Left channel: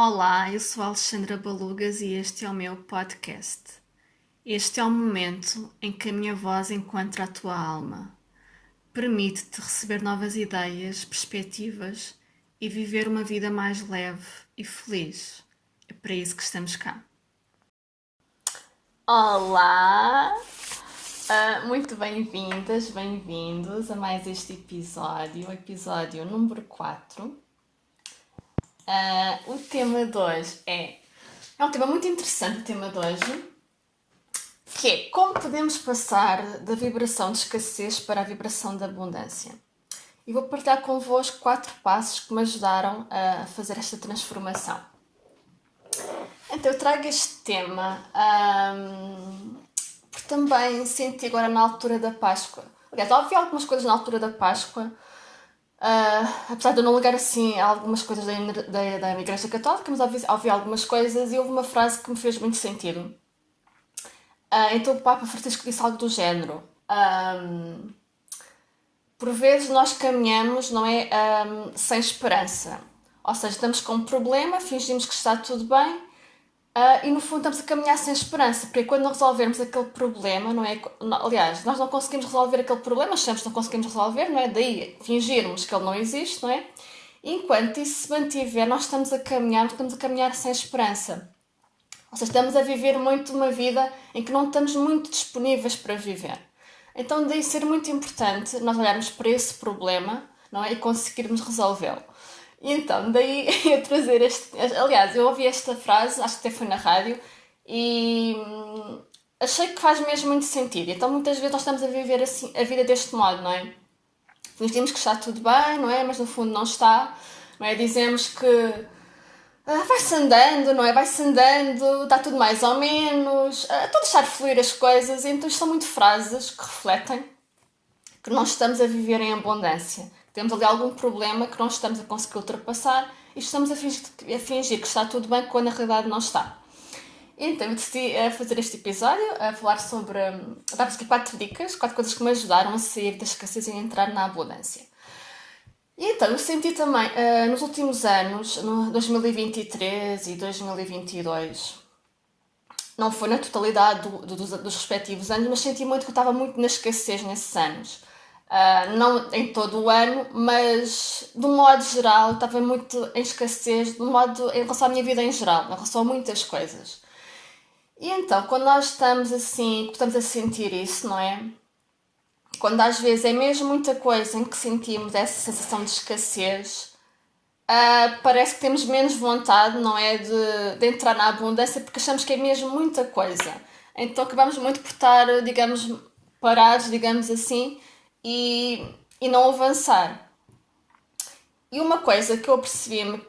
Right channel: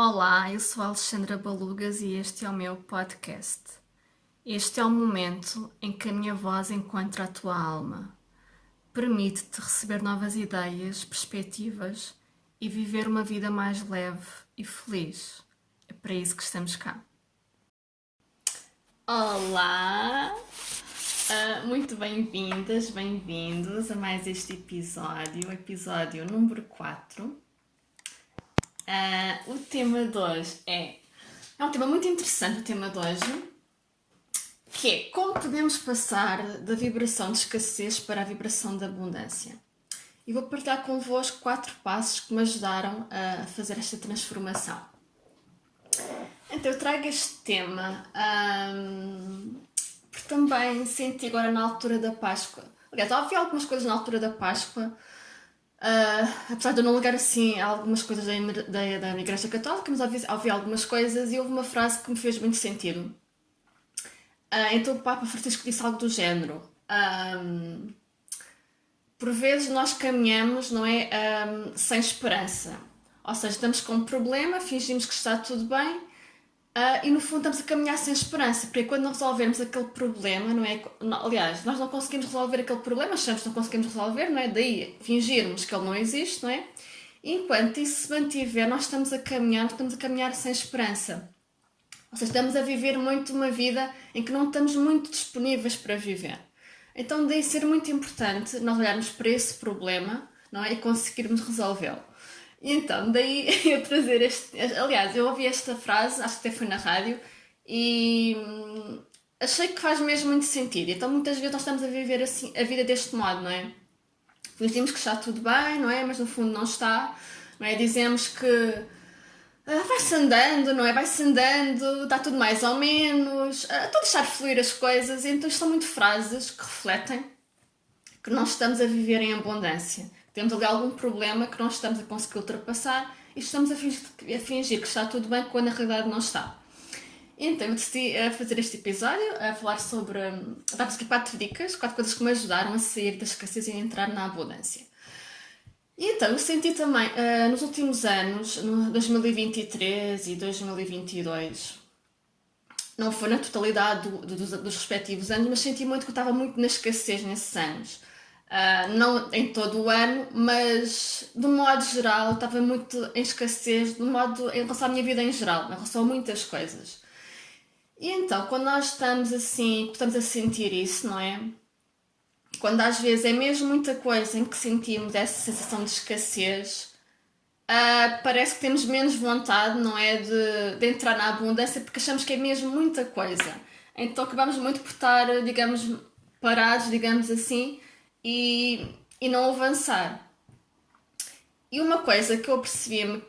Olá, eu sou a Alexandra Balugas e este é o meu podcast. Este é o momento em que a minha voz encontra a tua alma. Permite-te receber novas ideias, perspectivas e viver uma vida mais leve e feliz. É para isso que estamos cá. Olá! Muito bem-vindas, bem-vindos a mais este episódio, o episódio número 4. O tema de hoje é um tema muito interessante, o tema de hoje, que é como podemos passar da vibração de escassez para a vibração da abundância. E vou partilhar convosco 4 passos que me ajudaram a fazer esta transformação. Então eu trago este tema porque também senti agora na altura da Páscoa. Aliás, ouvi algumas coisas na altura da Páscoa. Apesar de eu não ligar assim a algumas coisas da Igreja Católica, mas ouvi algumas coisas e houve uma frase que me fez muito sentido. Então o Papa Francisco disse algo do género. Por vezes nós caminhamos, não é, sem esperança. Ou seja, estamos com um problema, fingimos que está tudo bem e no fundo estamos a caminhar sem esperança, porque quando não resolvermos aquele problema, não é? Aliás, nós não conseguimos resolver aquele problema, achamos que não conseguimos resolver, não é? Daí fingirmos que ele não existe, não é? E enquanto isso se mantiver, nós estamos a caminhar sem esperança. Ou seja, estamos a viver muito uma vida em que não estamos muito disponíveis para viver. Então daí ser muito importante nós olharmos para esse problema, não é? E conseguirmos resolvê-lo. E então, daí eu trazer este... Aliás, eu ouvi esta frase, acho que até foi na rádio, e achei que faz mesmo muito sentido. Então, muitas vezes nós estamos a viver assim, a vida deste modo, não é? Fingimos que está tudo bem, não é? Mas no fundo não está, não é? Dizemos que vai-se andando, não é? Vai-se andando, está tudo mais ou menos, estou a deixar fluir as coisas. Então, isto são muito frases que refletem que nós estamos a viver em abundância. Temos ali algum problema que não estamos a conseguir ultrapassar e estamos a fingir que está tudo bem quando na realidade não está. Então eu decidi fazer este episódio, a falar sobre... dar-vos aqui 4 dicas, 4 coisas que me ajudaram a sair da escassez e a entrar na abundância. E então eu senti também, nos últimos anos, no 2023 e 2022, não foi na totalidade dos respectivos anos, mas senti muito que eu estava muito na escassez nesses anos. Não em todo o ano, mas de um modo geral estava muito em escassez em relação à minha vida em geral, em relação a muitas coisas. E então, quando nós estamos assim, estamos a sentir isso, não é? Quando às vezes é mesmo muita coisa em que sentimos essa sensação de escassez, parece que temos menos vontade, não é? De entrar na abundância, porque achamos que é mesmo muita coisa. Então acabamos muito por estar, digamos, parados, digamos assim, e não avançar. E uma coisa que eu percebi-me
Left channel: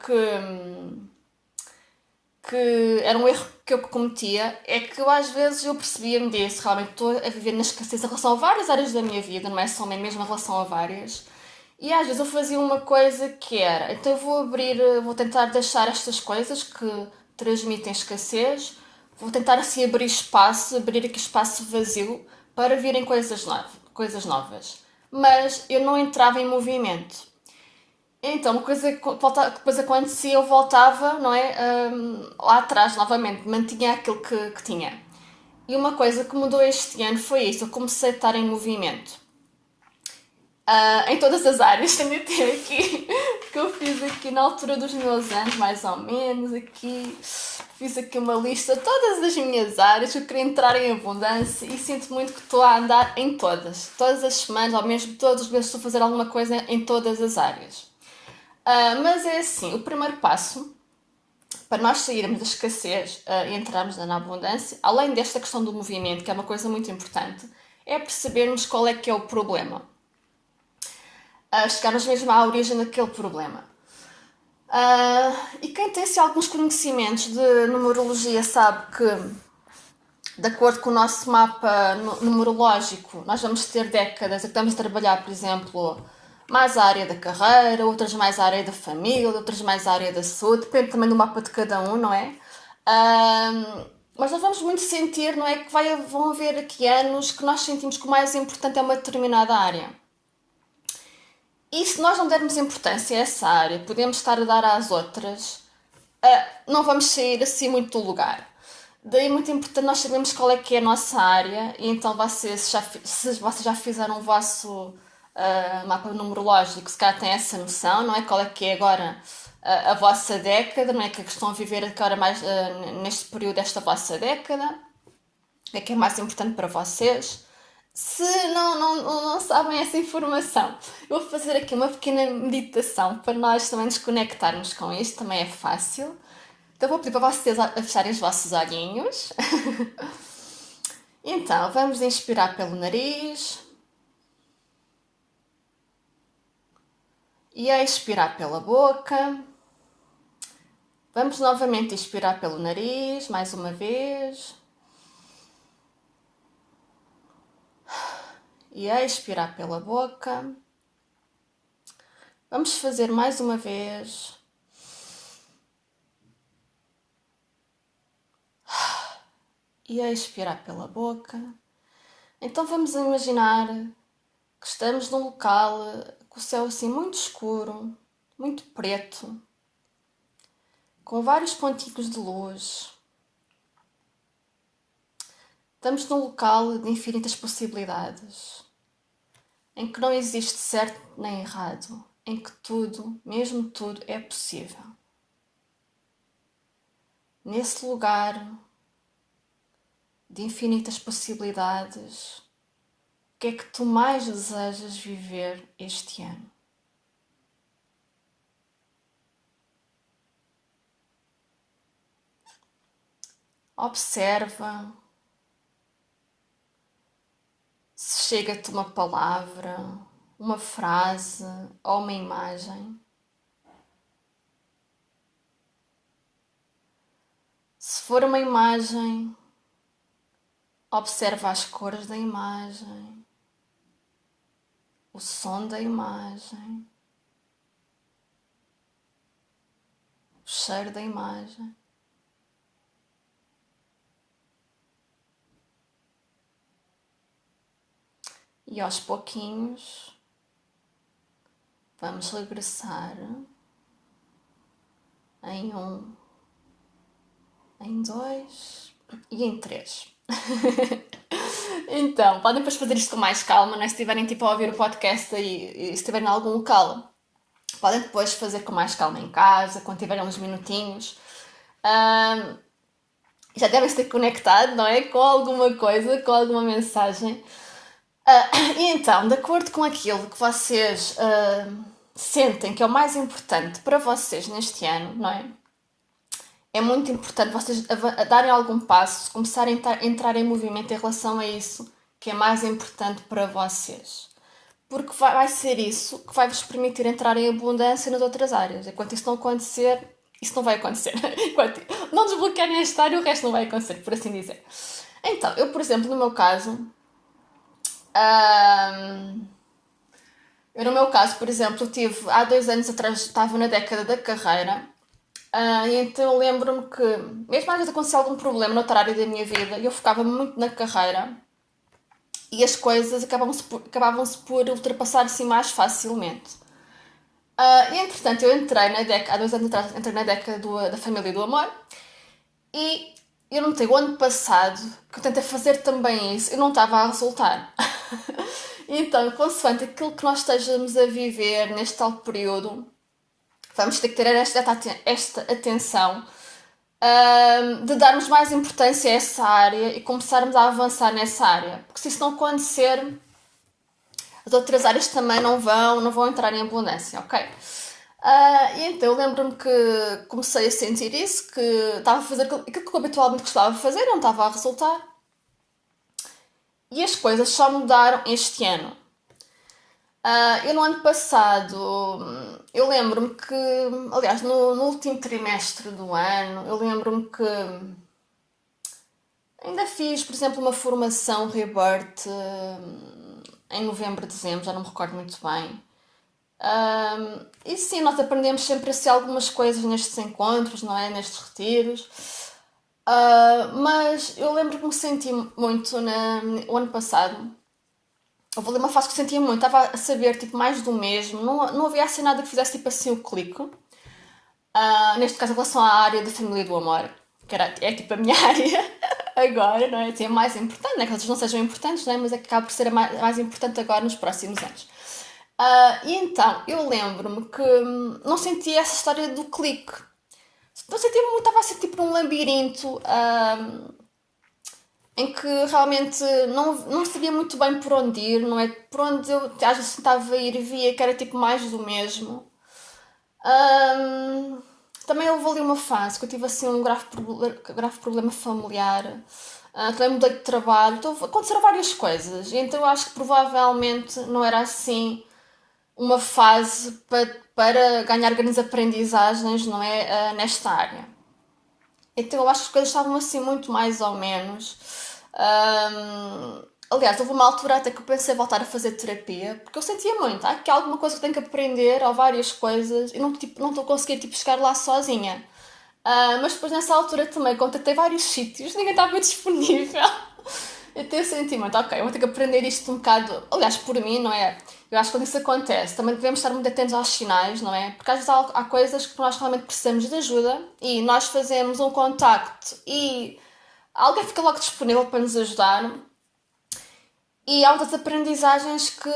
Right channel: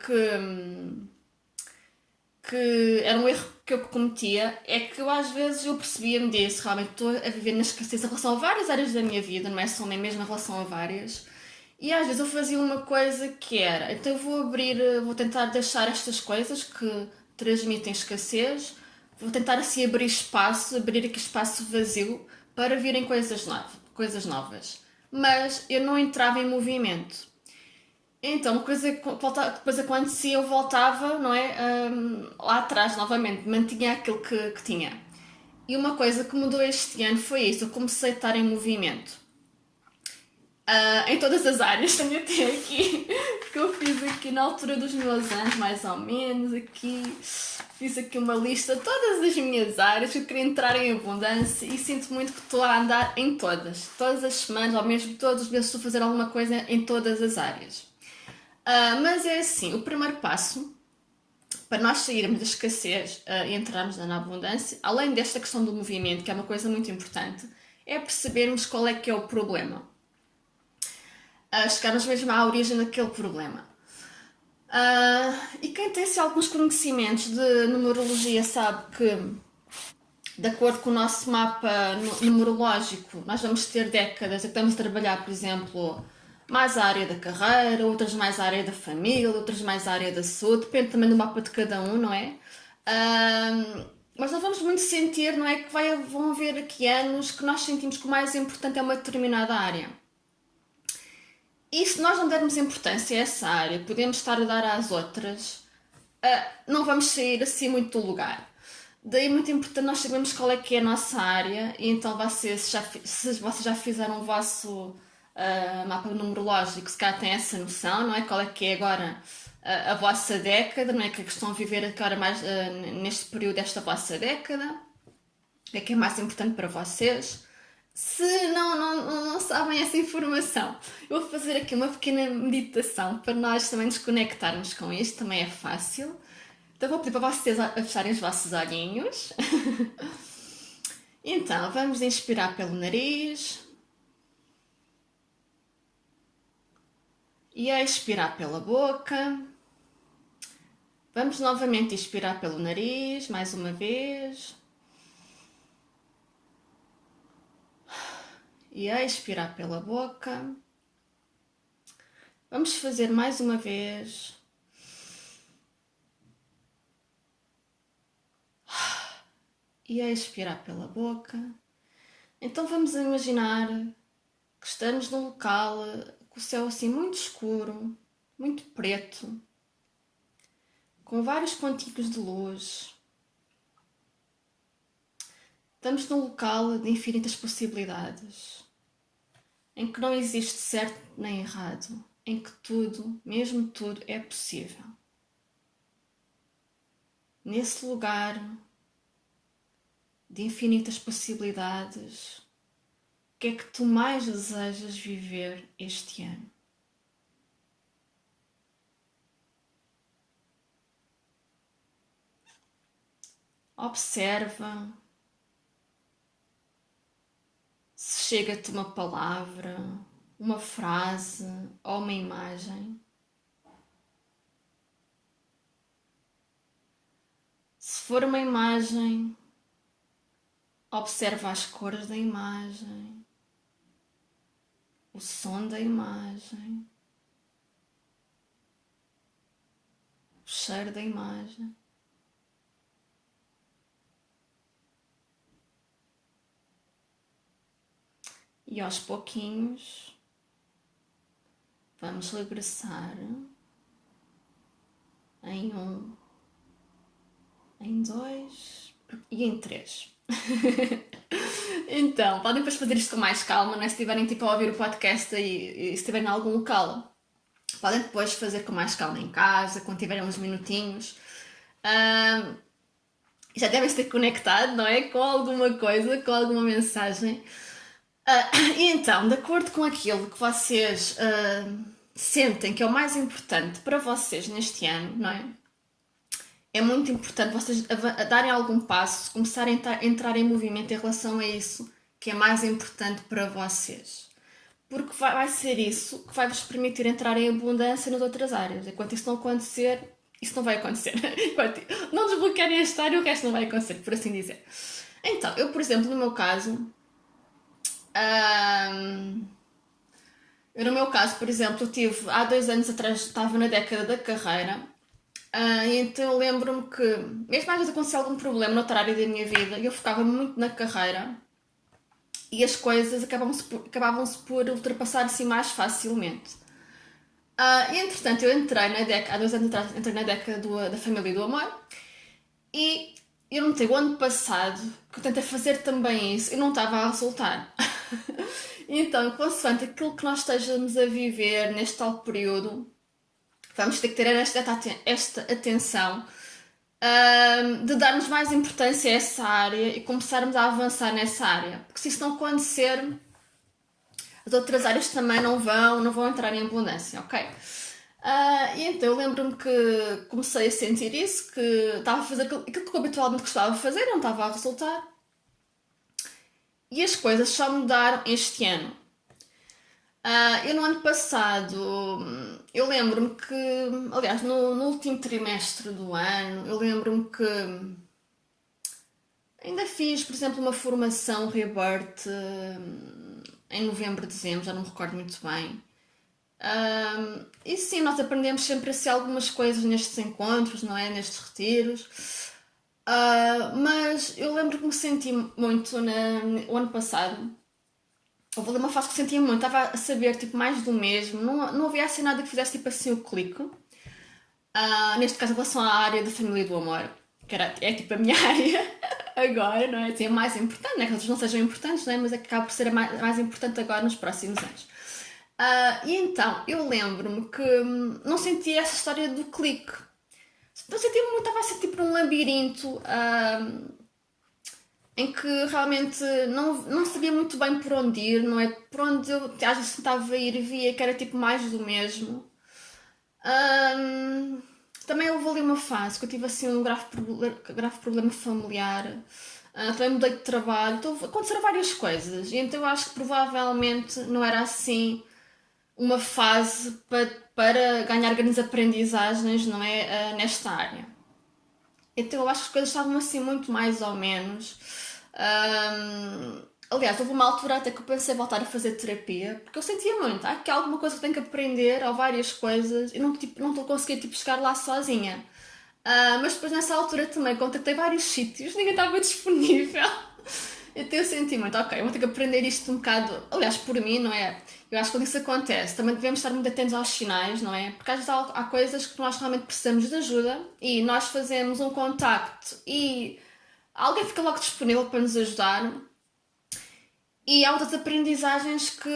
que era um erro que eu cometia é que eu às vezes eu percebia-me disso, realmente estou a viver na escassez em relação a várias áreas da minha vida, não é só mesmo em relação a várias. E às vezes eu fazia uma coisa que era, então eu vou tentar deixar estas coisas que transmitem escassez, vou tentar assim abrir aqui espaço vazio para virem coisas novas. Mas eu não entrava em movimento. Então, uma coisa que depois acontecia, eu voltava, não é? Lá atrás, novamente, mantinha aquilo que tinha. E uma coisa que mudou este ano foi isso, eu comecei a estar em movimento. Em todas as áreas, tenho até aqui, que eu fiz aqui na altura dos meus anos, mais ou menos, aqui, fiz aqui uma lista de todas as minhas áreas que eu queria entrar em abundância e sinto muito que estou a andar em todas as semanas, ou mesmo todos os meses estou a fazer alguma coisa em todas as áreas. Mas é assim, o primeiro passo para nós sairmos da escassez e entrarmos na abundância, além desta questão do movimento, que é uma coisa muito importante, é percebermos qual é que é o problema. Chegarmos mesmo à origem daquele problema. E quem tem assim, alguns conhecimentos de numerologia sabe que, de acordo com o nosso mapa numerológico, nós vamos ter décadas em que estamos a trabalhar, por exemplo, mais a área da carreira, outras mais a área da família, outras mais a área da saúde, depende também do mapa de cada um, não é? Mas nós vamos muito sentir, não é? Que vão haver aqui anos que nós sentimos que o mais importante é uma determinada área. E se nós não dermos importância a essa área, podemos estar a dar às outras não vamos sair assim muito do lugar. Daí é muito importante nós sabermos qual é que é a nossa área e então se vocês já fizeram o vosso mapa numerológico, se calhar têm essa noção, não é? Qual é que é agora a vossa década, não é? Que estão a viver agora mais neste período desta vossa década, o que é mais importante para vocês. Se não sabem essa informação, eu vou fazer aqui uma pequena meditação para nós também nos conectarmos com isto, também é fácil. Então vou pedir para vocês a fecharem os vossos olhinhos. Então, vamos inspirar pelo nariz e a expirar pela boca. Vamos novamente inspirar pelo nariz, mais uma vez. E a expirar pela boca. Vamos fazer mais uma vez. E a expirar pela boca. Então vamos imaginar que estamos num local com o céu assim muito escuro, muito preto, com vários pontinhos de luz. Estamos num local de infinitas possibilidades, em que não existe certo nem errado, em que tudo, mesmo tudo, é possível. Nesse lugar de infinitas possibilidades, o que é que tu mais desejas viver este ano? Observa se chega-te uma palavra, uma frase ou uma imagem. Se for uma imagem, observa as cores da imagem, o som da imagem, o cheiro da imagem. E aos pouquinhos vamos regressar em 1, em 2 e em 3. Então, podem depois fazer isto com mais calma, não é? Se estiverem tipo a ouvir o podcast e se estiverem em algum local, podem depois fazer com mais calma em casa, quando tiverem uns minutinhos. Já devem se ter conectado, não é? Com alguma coisa, com alguma mensagem. E então, de acordo com aquilo que vocês sentem que é o mais importante para vocês neste ano, não é? É muito importante vocês darem algum passo, começarem a entrar em movimento em relação a isso que é mais importante para vocês. Porque vai ser isso que vai vos permitir entrar em abundância nas outras áreas. Enquanto isso não acontecer, isso não vai acontecer. Enquanto não desbloquearem esta área, o resto não vai acontecer, por assim dizer. Então, eu, por exemplo, no meu caso, por exemplo, há 2 anos atrás, estava na década da carreira, e então eu lembro-me que, mesmo às vezes acontecia algum problema noutra área da minha vida, eu focava muito na carreira e as coisas acabavam-se por ultrapassar assim mais facilmente. E entretanto, eu entrei há 2 anos atrás, entrei na década da família e do amor, e eu notei o ano passado que eu tentei fazer também isso e não estava a resultar. Então, consoante aquilo que nós estejamos a viver neste tal período, vamos ter que ter esta atenção de darmos mais importância a essa área e começarmos a avançar nessa área. Porque se isso não acontecer, as outras áreas também não vão entrar em abundância, ok? E então eu lembro-me que comecei a sentir isso, que estava a fazer aquilo que eu habitualmente gostava de fazer, não estava a resultar. E as coisas só mudaram este ano. Eu no ano passado, eu lembro-me que, aliás, no último trimestre do ano, eu lembro-me que ainda fiz, por exemplo, uma formação Rebirth em novembro, dezembro, já não me recordo muito bem. E sim, nós aprendemos sempre assim algumas coisas nestes encontros, não é? Nestes retiros. Mas eu lembro que me senti muito o ano passado. Houve ali uma fase que sentia muito, estava a saber tipo, mais do mesmo, não havia assim nada que fizesse tipo assim o clique. Neste caso, em relação à área da família e do amor, que é tipo a minha área agora, não é? Assim, a mais importante, não é que outras não sejam importantes, não é? Mas é que acaba por ser a mais importante agora nos próximos anos. E então, eu lembro-me que não senti essa história do clique. Não senti muito, estava a sentir por um labirinto em que realmente não sabia muito bem por onde ir, não é? Por onde eu às vezes tentava ir e via que era tipo mais do mesmo. Ahm, Também houve ali uma fase que eu tive assim um grave problema familiar. Também mudei de trabalho, então aconteceram várias coisas. E então eu acho que provavelmente não era assim uma fase para ganhar grandes aprendizagens, não é? Nesta área. Então eu acho que as coisas estavam assim muito mais ou menos. Aliás, houve uma altura até que eu pensei em voltar a fazer terapia, porque eu sentia muito, que há alguma coisa que eu tenho que aprender, ou várias coisas, e não estou conseguindo tipo, chegar lá sozinha. Mas depois nessa altura também contactei vários sítios, ninguém estava disponível. Então eu senti muito, ok, eu vou ter que aprender isto um bocado, aliás, por mim, não é? Eu acho que quando isso acontece, também devemos estar muito atentos aos sinais, não é? Porque às vezes há coisas que nós realmente precisamos de ajuda e nós fazemos um contacto e alguém fica logo disponível para nos ajudar. E há outras aprendizagens que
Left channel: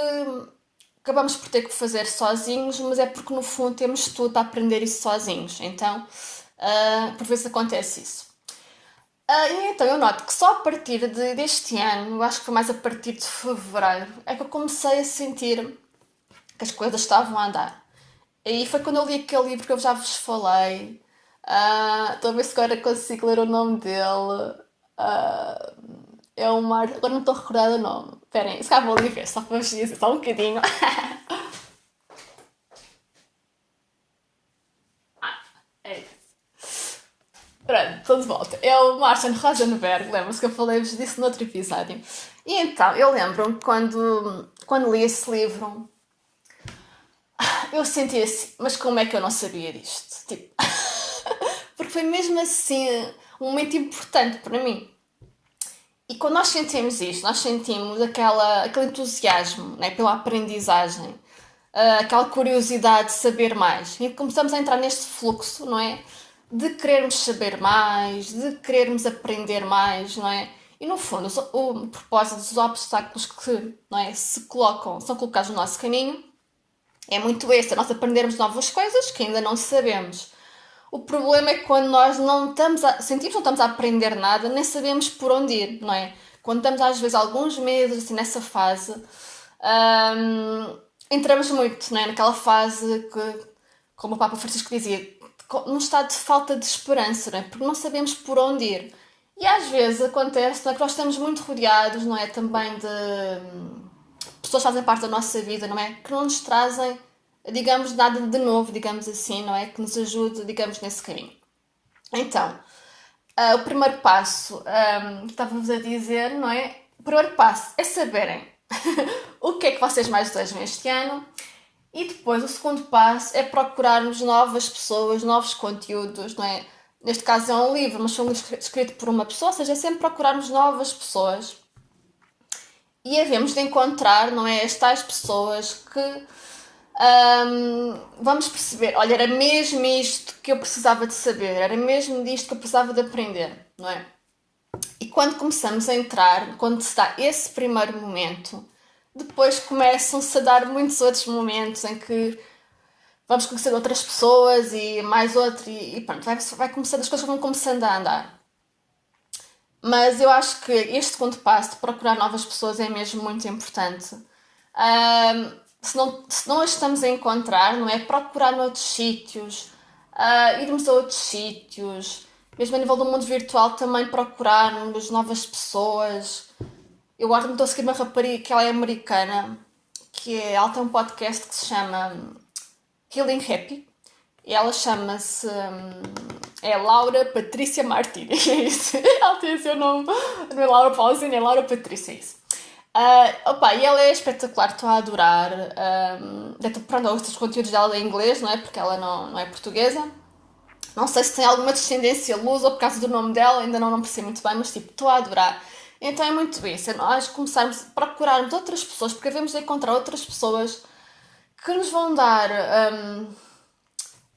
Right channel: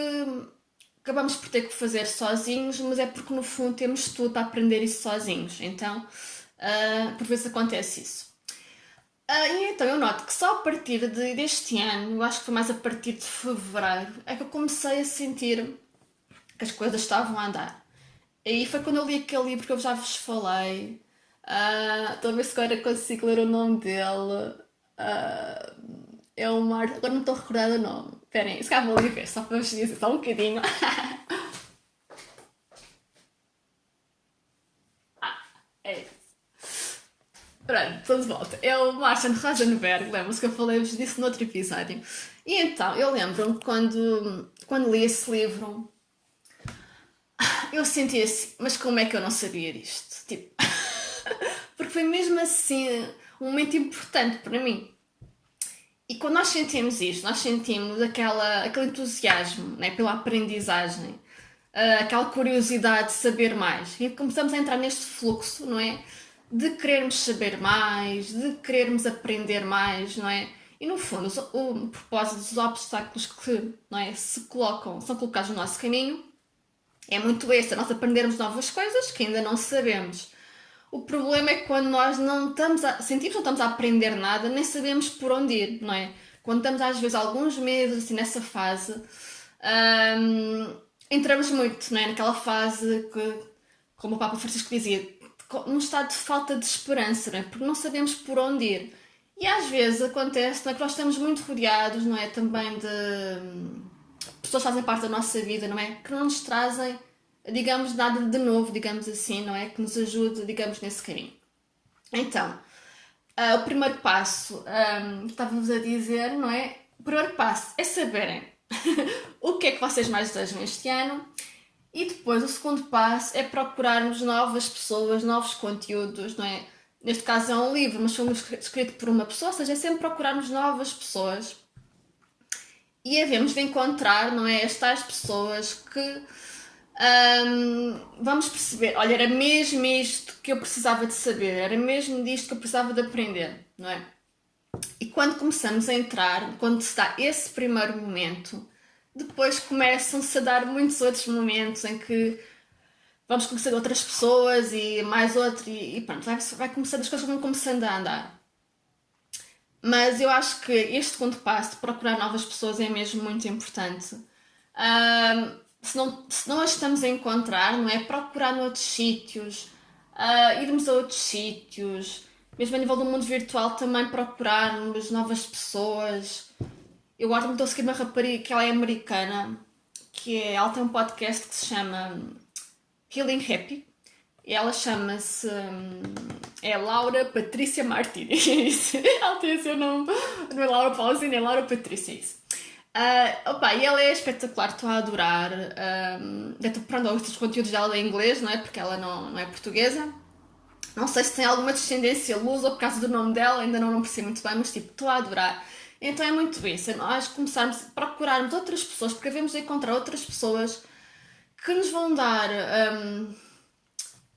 acabamos por ter que fazer sozinhos, mas é porque no fundo temos tudo a aprender isso sozinhos. Então, por vezes acontece isso. E então eu noto que só a partir deste ano, eu acho que foi mais a partir de fevereiro, é que eu comecei a sentir que as coisas estavam a andar. E foi quando eu li aquele livro que eu já vos falei. Estou a ver se agora consigo ler o nome dele. Ah, é o Mar. Agora não estou a recordar o nome. Esperem, se calhar vou ali ver, só para vos dizer, só um bocadinho. É isso. Pronto, estou de volta. É o Martin Rosenberg, lembro-se que eu falei-vos disso no outro episódio. E então, eu lembro-me quando li esse livro, eu senti assim, mas como é que eu não sabia disto? Tipo, porque foi mesmo assim um momento importante para mim. E quando nós sentimos isto, nós sentimos aquele entusiasmo, né, pela aprendizagem, aquela curiosidade de saber mais. E começamos a entrar neste fluxo, não é? De querermos saber mais, de querermos aprender mais, não é? E no fundo, o propósito dos obstáculos que, não é, são colocados no nosso caminho é muito esse, é nós aprendermos novas coisas que ainda não sabemos. O problema é que quando nós não estamos sentimos que não estamos a aprender nada, nem sabemos por onde ir, não é? Quando estamos às vezes alguns meses assim, nessa fase, entramos muito, não é? Naquela fase que, como o Papa Francisco dizia, num estado de falta de esperança, não é? Porque não sabemos por onde ir. E às vezes acontece, não é? Que nós estamos muito rodeados, não é? Também de pessoas que fazem parte da nossa vida, não é? Que não nos trazem, digamos, nada de novo, digamos assim, não é? Que nos ajude, digamos, nesse caminho. Então, o primeiro passo, que estava-vos a dizer, não é? O primeiro passo é saberem o que é que vocês mais desejam este ano. E depois o segundo passo é procurarmos novas pessoas, novos conteúdos, não é? Neste caso é um livro, mas foi um livro escrito por uma pessoa, ou seja, é sempre procurarmos novas pessoas e havemos de encontrar, não é? As tais pessoas que vamos perceber, olha, era mesmo isto que eu precisava de saber, era mesmo disto que eu precisava de aprender, não é? E quando começamos a entrar, quando se dá esse primeiro momento, depois começam-se a dar muitos outros momentos em que vamos conhecer outras pessoas e mais outro, e pronto, vai começando, as coisas vão começando a andar. Mas eu acho que este segundo passo de procurar novas pessoas é mesmo muito importante. Se não as estamos a encontrar, não é? Procurar noutros sítios, irmos a outros sítios, mesmo a nível do mundo virtual também procurarmos novas pessoas. Eu agora estou a seguir uma rapariga que ela é americana, ela tem um podcast que se chama Healing Happy. E ela chama-se é Laura Patrícia Martínez. É isso. Ela tem o seu nome, não é Laura Pausini, é Laura Patrícia, é isso. E ela é espetacular, estou a adorar. Pronto, os conteúdos dela em inglês, não é? Porque ela não é portuguesa. Não sei se tem alguma descendência lusa ou por causa do nome dela, ainda não percebo muito bem, mas tipo, estou a adorar. Então é muito isso, é nós começarmos a procurarmos outras pessoas, porque devemos de encontrar outras pessoas que nos vão dar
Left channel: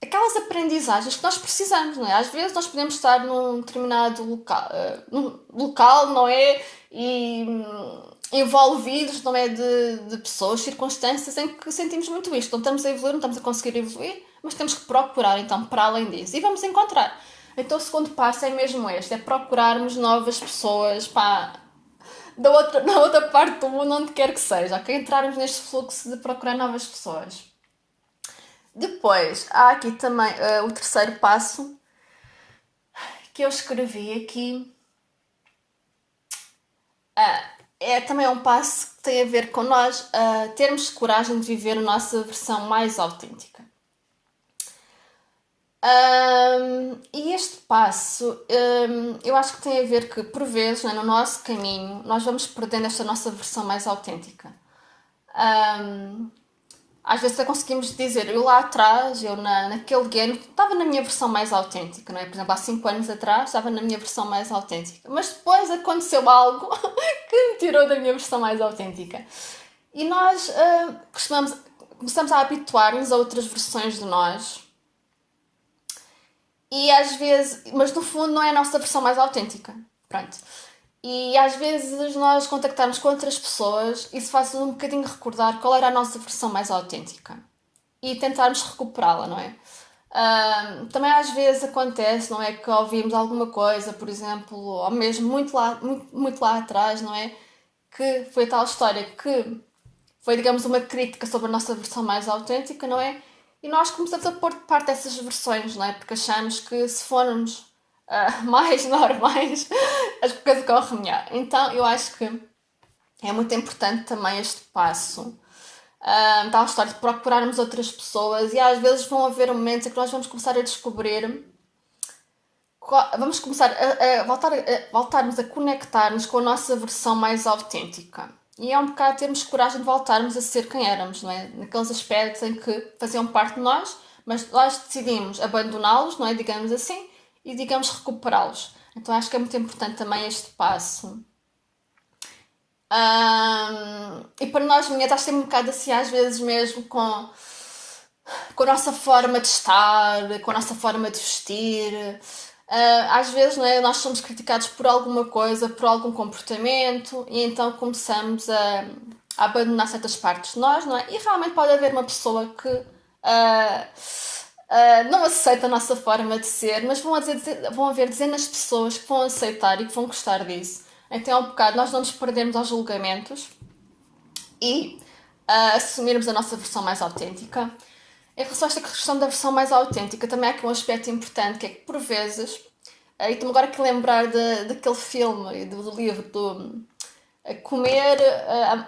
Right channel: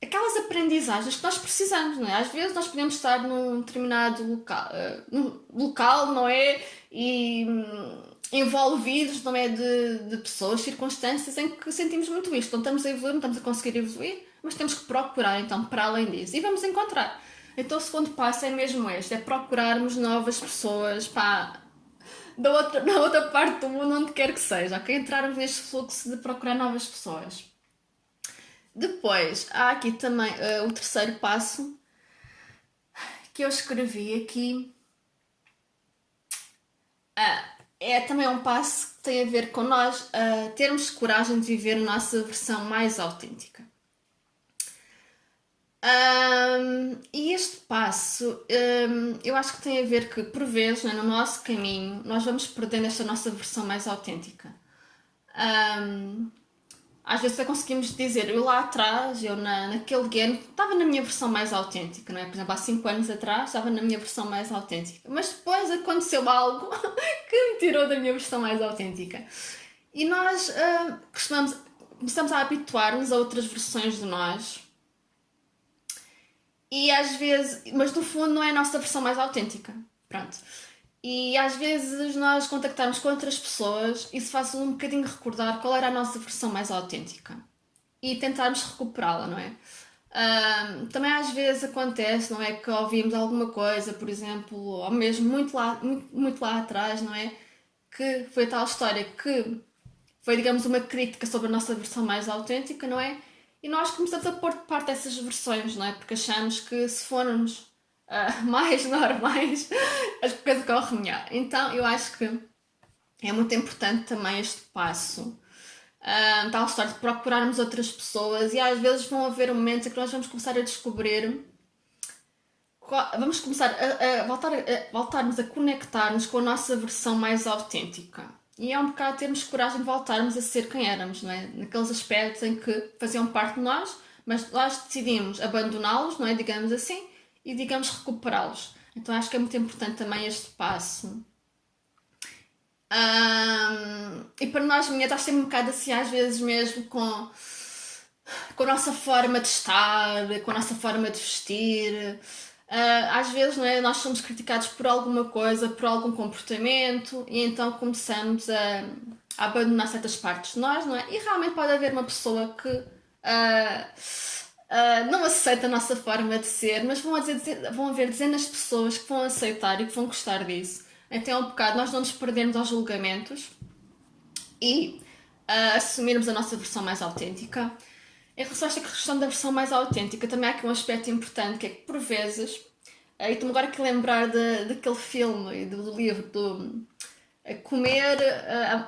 aquelas aprendizagens que nós precisamos, não é? Às vezes nós podemos estar num determinado local, não é? E envolvidos, não é? De pessoas, circunstâncias em que sentimos muito isto. Não estamos a evoluir, não estamos a conseguir evoluir, mas temos que procurar, então, para além disso. E vamos encontrar. Então o segundo passo é mesmo este, é procurarmos novas pessoas, pá, na outra parte do mundo, onde quer que seja, ok? Entrarmos neste fluxo de procurar novas pessoas. Depois, há aqui também o terceiro passo que eu escrevi aqui. É também um passo que tem a ver com nós termos coragem de viver a nossa versão mais autêntica. E este passo, eu acho que tem a ver que, por vezes, né, no nosso caminho, nós vamos perdendo esta nossa versão mais autêntica. Às vezes até conseguimos dizer, eu lá atrás, eu naquele ano, estava na minha versão mais autêntica, não é? Por exemplo, há 5 anos atrás, estava na minha versão mais autêntica. Mas depois aconteceu algo que me tirou da minha versão mais autêntica. E nós começamos a habituar-nos a outras versões de nós. E às vezes, mas no fundo não é a nossa versão mais autêntica. Pronto. E às vezes nós contactarmos com outras pessoas, isso faz um bocadinho recordar qual era a nossa versão mais autêntica e tentarmos recuperá-la, não é? Também às vezes acontece, não é? Que ouvimos alguma coisa, por exemplo, ou mesmo muito lá atrás, não é? Que foi a tal história que foi, digamos, uma crítica sobre a nossa versão mais autêntica, não é? E nós começamos a pôr de parte essas versões, não é? Porque achamos que se formos mais normais, as coisas correm melhor. Então eu acho que é muito importante também este passo. Tal história de procurarmos outras pessoas, e às vezes vão haver momentos em que nós vamos começar a descobrir, vamos começar voltarmos a conectar-nos com a nossa versão mais autêntica. E é um bocado termos coragem de voltarmos a ser quem éramos, não é? Naqueles aspectos em que faziam parte de nós, mas nós decidimos abandoná-los, não é? Digamos assim, e digamos recuperá-los. Então acho que é muito importante também este passo. E para nós mulheres, acho que tem um bocado assim, às vezes mesmo com a nossa forma de estar, com a nossa forma de vestir. Às vezes, não é, nós somos criticados por alguma coisa, por algum comportamento, e então começamos a abandonar certas partes de nós, não é? E realmente pode haver uma pessoa que não aceita a nossa forma de ser, mas vão haver dezenas de pessoas que vão aceitar e que vão gostar disso. Então é um bocado nós não nos perdermos aos julgamentos e assumirmos a nossa versão mais autêntica. Em relação a esta questão da versão mais autêntica, também há aqui um aspecto importante, que é que por vezes, e estou-me agora aqui a lembrar daquele filme e do livro do Comer,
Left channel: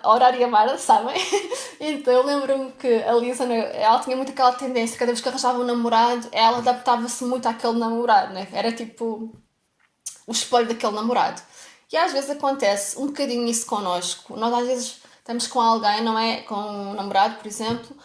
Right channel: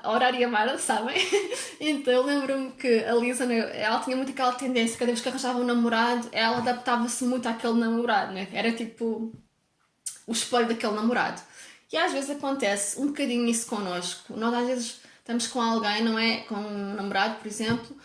Orar e Amar, sabem? Então eu lembro-me que a Lisa, ela tinha muito aquela tendência, cada vez que arranjava um namorado, ela adaptava-se muito àquele namorado, né? Era tipo o espelho daquele namorado. E às vezes acontece um bocadinho isso connosco. Nós às vezes estamos com alguém, não é? Com um namorado, por exemplo,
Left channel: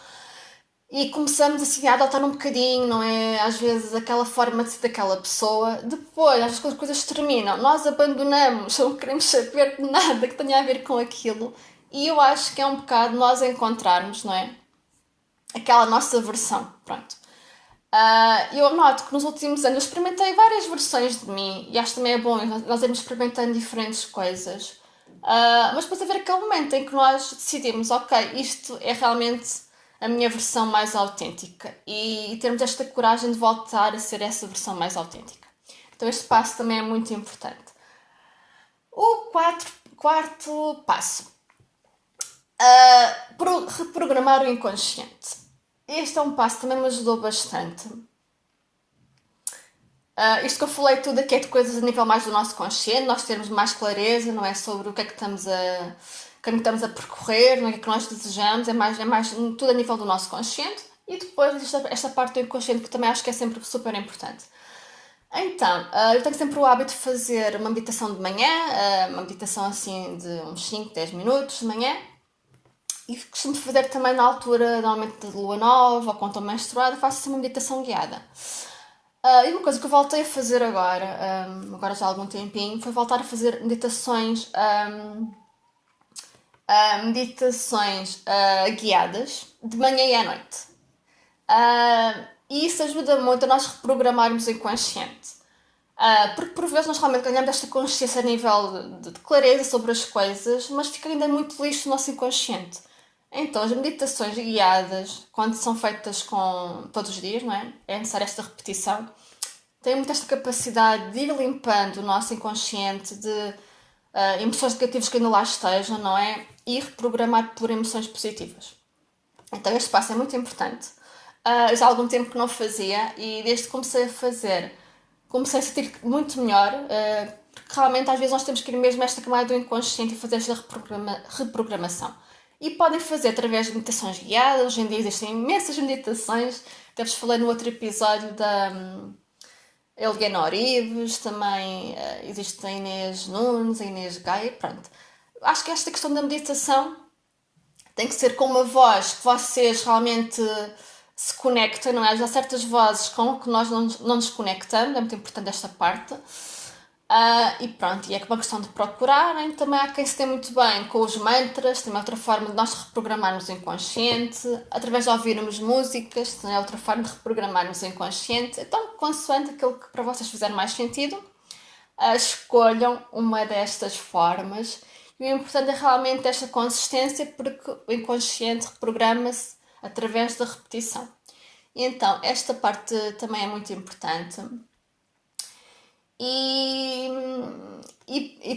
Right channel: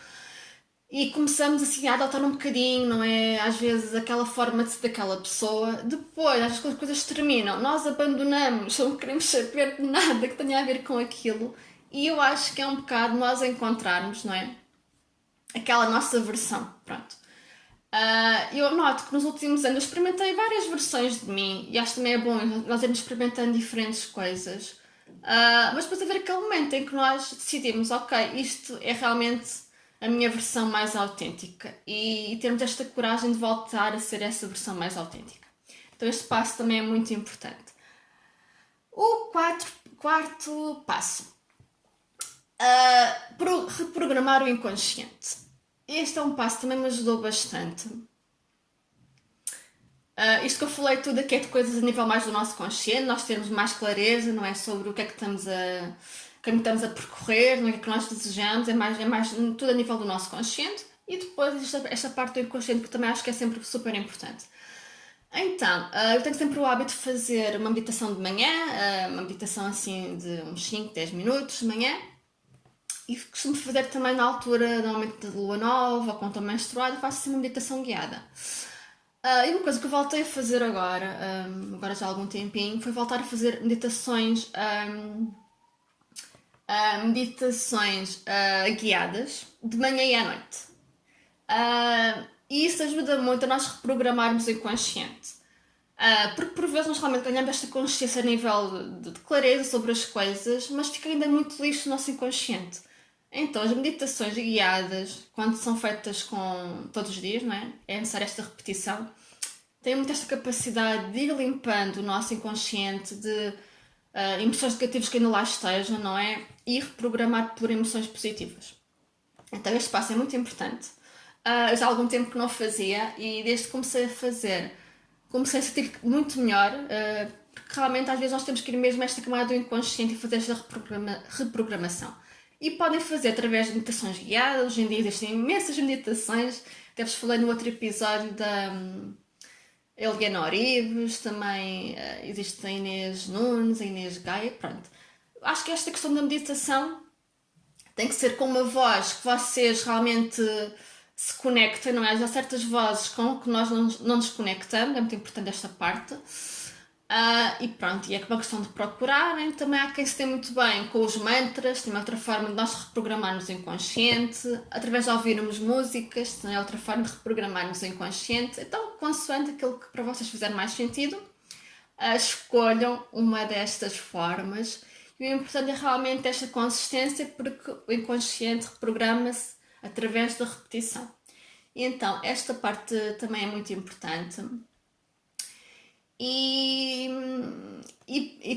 e começamos assim a adotar um bocadinho, não é? Às vezes aquela forma de ser daquela pessoa. Depois, às vezes quando as coisas terminam, nós abandonamos, não queremos saber de nada que tenha a ver com aquilo. E eu acho que é um bocado nós encontrarmos, não é? Aquela nossa versão, pronto. Eu noto que nos últimos anos eu experimentei várias versões de mim e acho que também é bom nós irmos experimentando diferentes coisas. Mas depois haver aquele momento em que nós decidimos, ok, isto é realmente a minha versão mais autêntica e termos esta coragem de voltar a ser essa versão mais autêntica. Então este passo também é muito importante. O quarto passo. Reprogramar o inconsciente. Este é um passo que também me ajudou bastante. Isto que eu falei tudo aqui é de coisas a nível mais do nosso consciente, nós termos mais clareza, não é, sobre o que é que estamos a percorrer, não é, o que é que nós desejamos, é mais tudo a nível do nosso consciente. E depois esta parte do inconsciente que também acho que é sempre super importante. Então, eu tenho sempre o hábito de fazer uma meditação de manhã, uma meditação assim de uns 5, 10 minutos de manhã. E costumo fazer também na altura, normalmente de lua nova, ou quando estou menstruada, faço assim uma meditação guiada. E uma coisa que eu voltei a fazer agora já há algum tempinho, foi voltar a fazer meditações, guiadas de manhã e à noite. E isso ajuda muito a nós reprogramarmos o inconsciente. Porque por vezes nós realmente ganhamos esta consciência a nível de clareza sobre as coisas, mas fica ainda muito lixo no nosso inconsciente. Então as meditações guiadas, quando são feitas todos os dias, não é? É necessária esta repetição. Têm muito esta capacidade de ir limpando o nosso inconsciente de emoções negativas que ainda lá estejam, não é? E reprogramar por emoções positivas. Então este passo é muito importante. Já há algum tempo que não fazia e desde que comecei a fazer, comecei a sentir muito melhor, porque realmente às vezes nós temos que ir mesmo a esta camada do inconsciente e fazer esta reprogramação. E podem fazer através de meditações guiadas. Hoje em dia existem imensas meditações. Até vos falei no outro episódio da Eliana Orives, também existe a Inês Nunes, a Inês Gaia, pronto. Acho que esta questão da meditação tem que ser com uma voz que vocês realmente se conectem, não é? Há certas vozes com que nós não nos conectamos, é muito importante esta parte. E pronto, e é uma questão de procurarem. Também há quem se dê muito bem com os mantras, também é outra forma de nós reprogramarmos o inconsciente, através de ouvirmos músicas, também é outra forma de reprogramarmos o inconsciente. Então, consoante aquilo que para vocês fizer mais sentido, escolham uma destas formas. E o importante é realmente esta consistência, porque o inconsciente reprograma-se através da repetição. E então, esta parte também é muito importante. E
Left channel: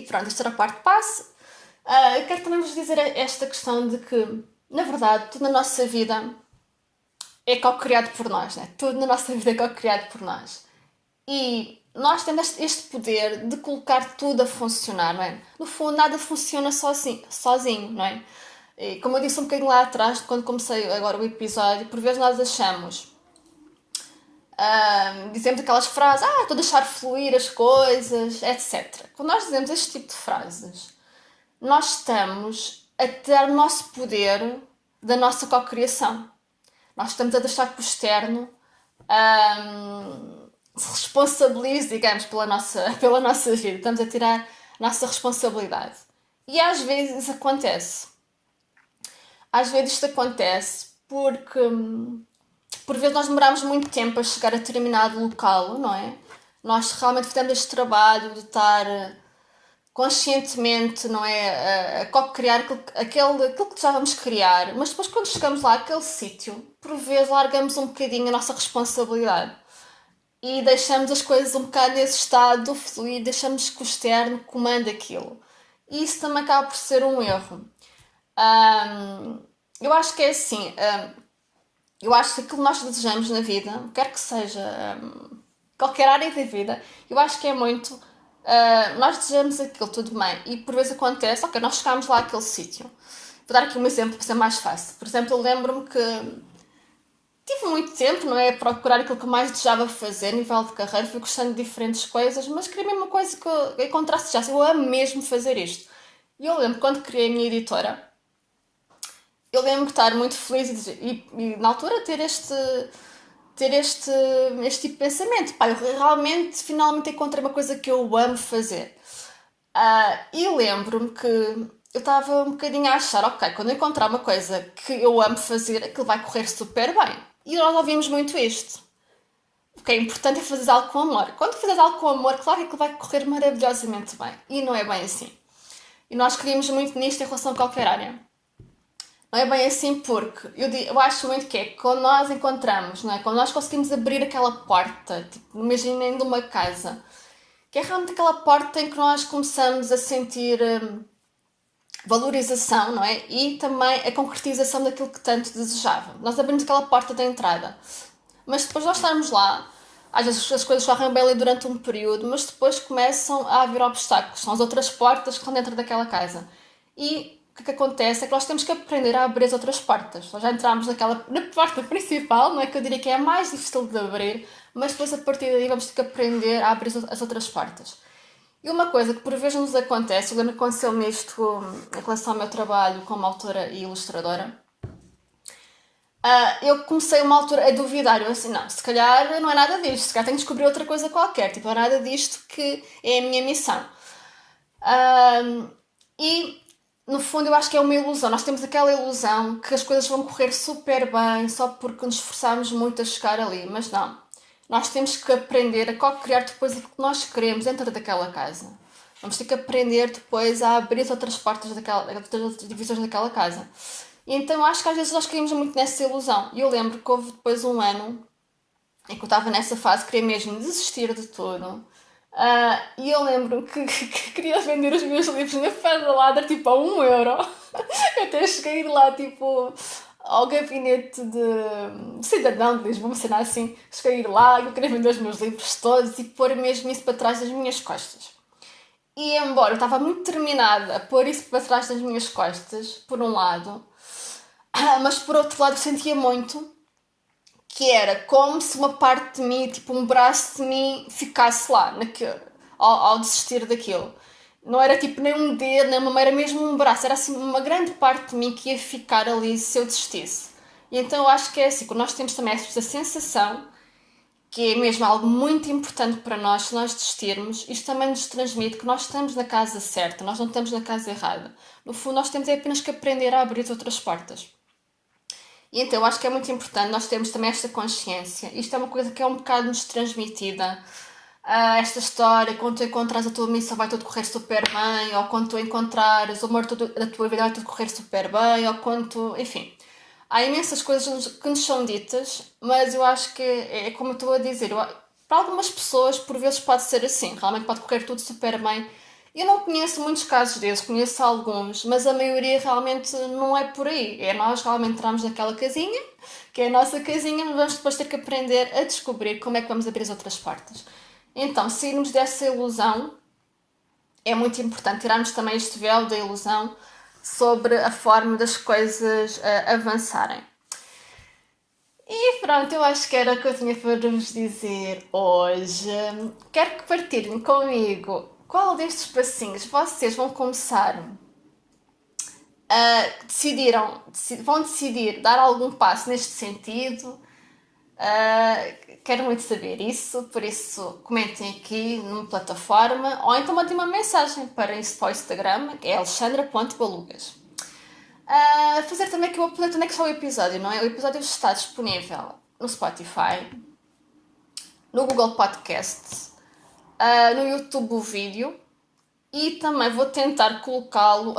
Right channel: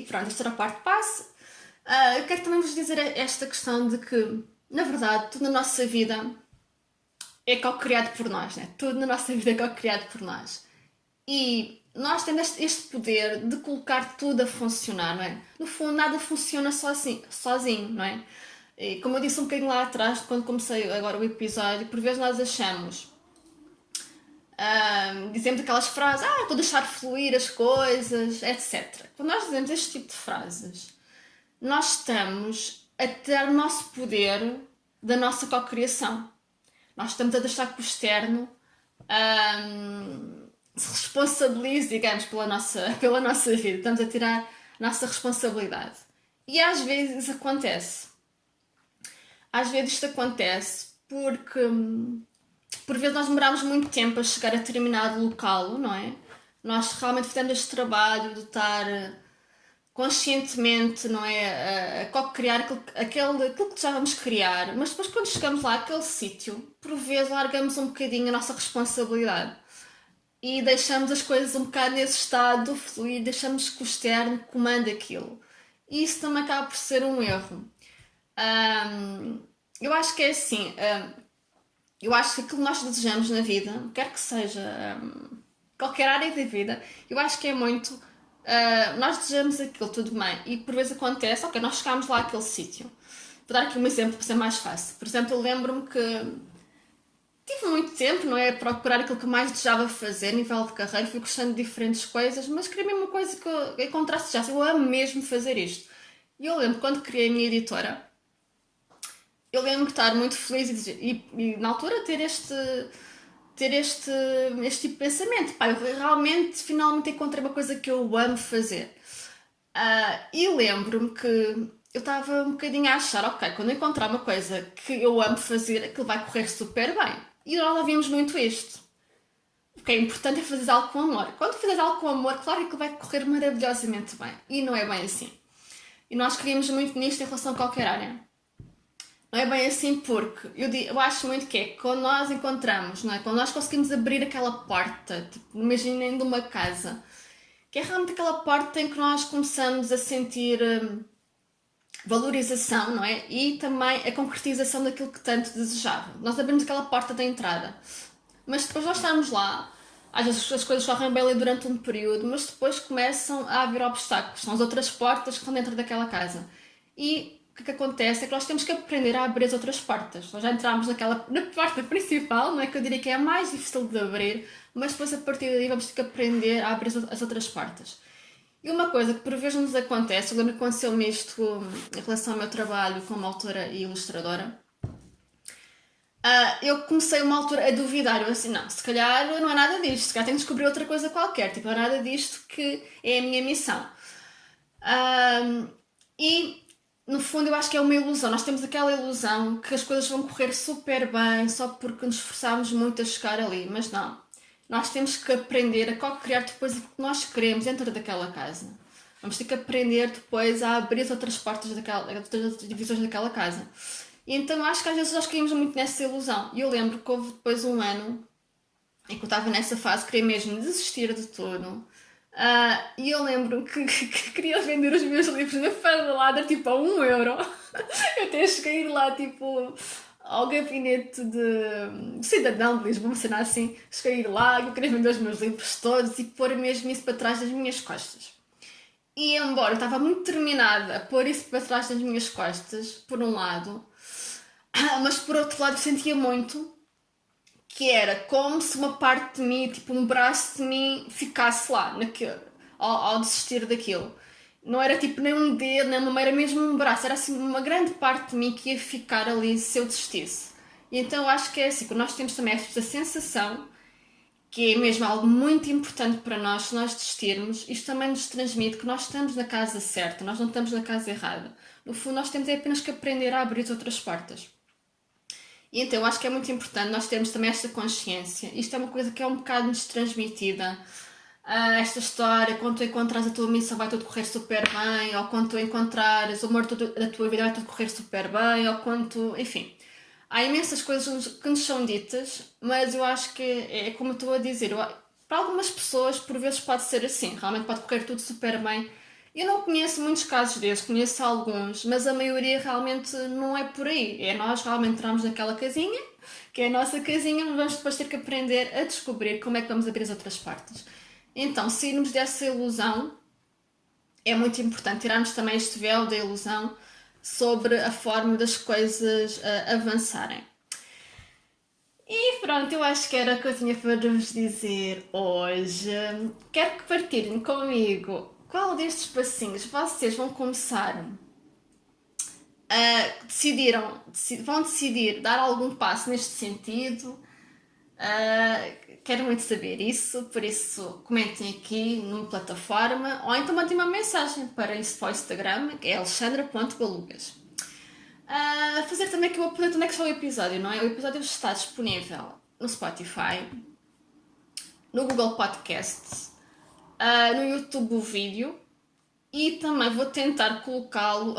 pronto, esta era a parte passe. Eu quero também vos dizer esta questão de que, na verdade, tudo na nossa vida é co-criado por nós, né? Tudo na nossa vida é co-criado por nós. E nós temos este poder de colocar tudo a funcionar, não é? No fundo, nada funciona sozinho, não é? E como eu disse um bocadinho lá atrás, quando comecei agora o episódio, por vezes nós achamos, dizemos aquelas frases, estou a deixar fluir as coisas, etc. Quando nós dizemos este tipo de frases, nós estamos a tirar o nosso poder da nossa cocriação. Nós estamos a deixar que o externo se responsabilize, digamos, pela nossa vida. Estamos a tirar a nossa responsabilidade. E às vezes isso acontece. Às vezes isto acontece porque por vezes nós demoramos muito tempo a chegar a determinado local, não é? Nós realmente fizemos este trabalho de estar conscientemente, não é? A co-criar aquilo que desejávamos criar, mas depois quando chegamos lá àquele sítio, por vezes largamos um bocadinho a nossa responsabilidade e deixamos as coisas um bocado nesse estado de fluir, deixamos que o externo comande aquilo. E isso também acaba por ser um erro. Eu acho que é assim, eu acho que aquilo que nós desejamos na vida, quer que seja qualquer área da vida, eu acho que é muito, nós desejamos aquilo, tudo bem, e por vezes acontece, ok, nós chegámos lá àquele sítio. Vou dar aqui um exemplo para ser mais fácil. Por exemplo, eu lembro-me que tive muito tempo, não é, a procurar aquilo que mais desejava fazer a nível de carreira, fui gostando de diferentes coisas, mas queria mesmo uma coisa que eu encontrasse já, eu amo mesmo fazer isto. E eu lembro quando criei a minha editora, eu lembro de estar muito feliz e na altura ter este tipo de pensamento. Pá, eu realmente, finalmente encontrei uma coisa que eu amo fazer. E lembro-me que eu estava um bocadinho a achar, ok, quando eu encontrar uma coisa que eu amo fazer, aquilo vai correr super bem. E nós ouvimos muito isto. O que é importante é fazer algo com amor. Quando fazes algo com amor, claro que aquilo vai correr maravilhosamente bem. E não é bem assim. E nós queríamos muito nisto em relação a qualquer área. Não é bem assim porque eu acho muito que é quando nós encontramos, não é? Quando nós conseguimos abrir aquela porta, tipo, imaginem de uma casa, que é realmente aquela porta em que nós começamos a sentir valorização, não é? E também a concretização daquilo que tanto desejava. Nós abrimos aquela porta da entrada, mas depois nós estarmos lá, às vezes as coisas correm bem ali durante um período, mas depois começam a haver obstáculos, são as outras portas que estão dentro daquela casa. E o que acontece é que nós temos que aprender a abrir as outras portas. Nós já entramos na porta principal, não é? Que eu diria que é a mais difícil de abrir, mas depois a partir daí vamos ter que aprender a abrir as outras portas. E uma coisa que por vezes nos acontece, eu lembro que aconteceu-me isto em relação ao meu trabalho como autora e ilustradora, eu comecei uma altura a duvidar, eu assim, não, se calhar não é nada disto, se calhar tenho que descobrir outra coisa qualquer, tipo, é nada disto que é a minha missão. E no fundo eu acho que é uma ilusão. Nós temos aquela ilusão que as coisas vão correr super bem só porque nos esforçarmos muito a chegar ali, mas não. Nós temos que aprender a co-criar depois aquilo que nós queremos dentro daquela casa. Vamos ter que aprender depois a abrir as outras portas outras divisões daquela casa. E então acho que às vezes nós caímos muito nessa ilusão. E eu lembro que houve depois um ano em que eu estava nessa fase, queria mesmo desistir de tudo. E eu lembro que queria vender os meus livros na Feira da Ladra, tipo, a 1€. Eu até cheguei a ir lá, tipo, ao gabinete de cidadão de Lisboa, uma cena assim. Cheguei a ir lá, eu queria vender os meus livros todos e pôr mesmo isso para trás das minhas costas. E embora eu estava muito determinada a pôr isso para trás das minhas costas, por um lado, mas por outro lado eu sentia muito que era como se uma parte de mim, tipo um braço de mim, ficasse lá ao desistir daquilo. Não era tipo nem um dedo, nem uma mão, era mesmo um braço. Era assim uma grande parte de mim que ia ficar ali se eu desistisse. E então eu acho que é assim, quando nós temos também esta sensação, que é mesmo algo muito importante para nós, se nós desistirmos, isto também nos transmite que nós estamos na casa certa, nós não estamos na casa errada. No fundo, nós temos apenas que aprender a abrir outras portas. E então eu acho que é muito importante nós termos também esta consciência. Isto é uma coisa que é um bocado nos transmitida. Esta história, quando tu encontras a tua missão vai tudo correr super bem, ou quando tu encontrares o amor da tua vida vai tudo correr super bem, ou quando tu... Enfim, há imensas coisas que nos são ditas, mas eu acho que é como eu estou a dizer. Para algumas pessoas, por vezes pode ser assim. Realmente pode correr tudo super bem. Eu não conheço muitos casos desses, conheço alguns, mas a maioria realmente não é por aí. É nós realmente entramos naquela casinha, que é a nossa casinha, mas vamos depois ter que aprender a descobrir como é que vamos abrir as outras portas. Então, sairmos dessa ilusão, é muito importante tirarmos também este véu da ilusão sobre a forma das coisas avançarem. E pronto, eu acho que era o que eu tinha para vos dizer hoje. Quero que partilhem comigo qual destes passinhos vocês vão começar vão decidir dar algum passo neste sentido. Quero muito saber isso, por isso comentem aqui numa plataforma ou então mandem uma mensagem para o Instagram, que é alexandra.balugas. Fazer também que eu apresento onde é que está o episódio, não é? O episódio está disponível no Spotify, no Google Podcasts, no YouTube o vídeo e também vou tentar colocá-lo,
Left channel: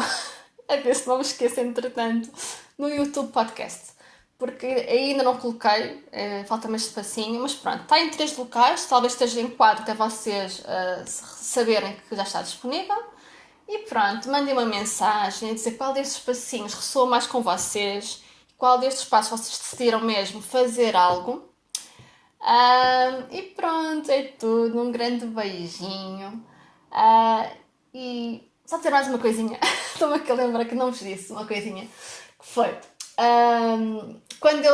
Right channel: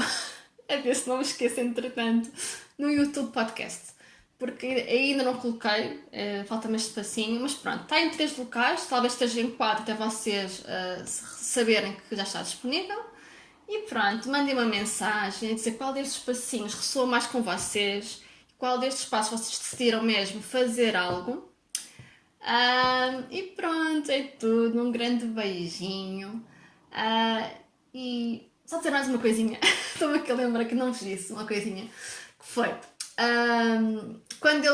a ver se não me esqueço entretanto, no YouTube Podcast. Porque ainda não coloquei, falta-me este passinho, mas pronto, está em 3 locais, talvez esteja em 4 até vocês saberem que já está disponível. E pronto, mandem uma mensagem a dizer qual destes passinhos ressoa mais com vocês, qual destes passos vocês decidiram mesmo fazer algo. E pronto, é tudo, um grande beijinho. E só dizer mais uma coisinha, estou-me aqui a lembrar que não vos disse uma coisinha, que foi... quando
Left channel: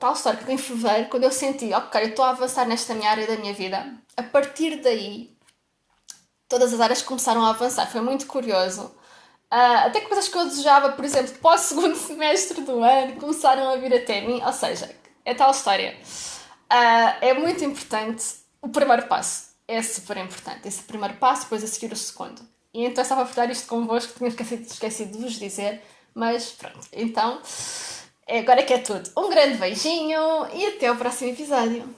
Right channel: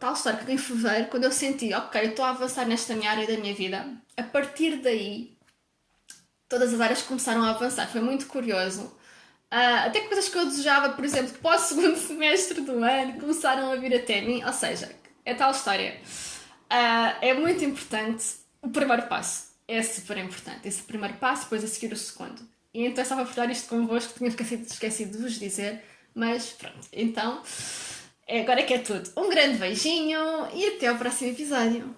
tal história que em fevereiro, quando eu senti, ok, eu estou a avançar nesta minha área da minha vida, a partir daí todas as áreas começaram a avançar, foi muito curioso. Até coisas que eu desejava, por exemplo, para o segundo semestre do ano, começaram a vir até mim, ou seja, é tal história. É muito importante o primeiro passo, é super importante, esse primeiro passo, depois a seguir o segundo. E então eu estava a partilhar isto convosco, tinha esquecido de vos dizer, mas pronto, então agora que é tudo. Um grande beijinho e até ao próximo episódio.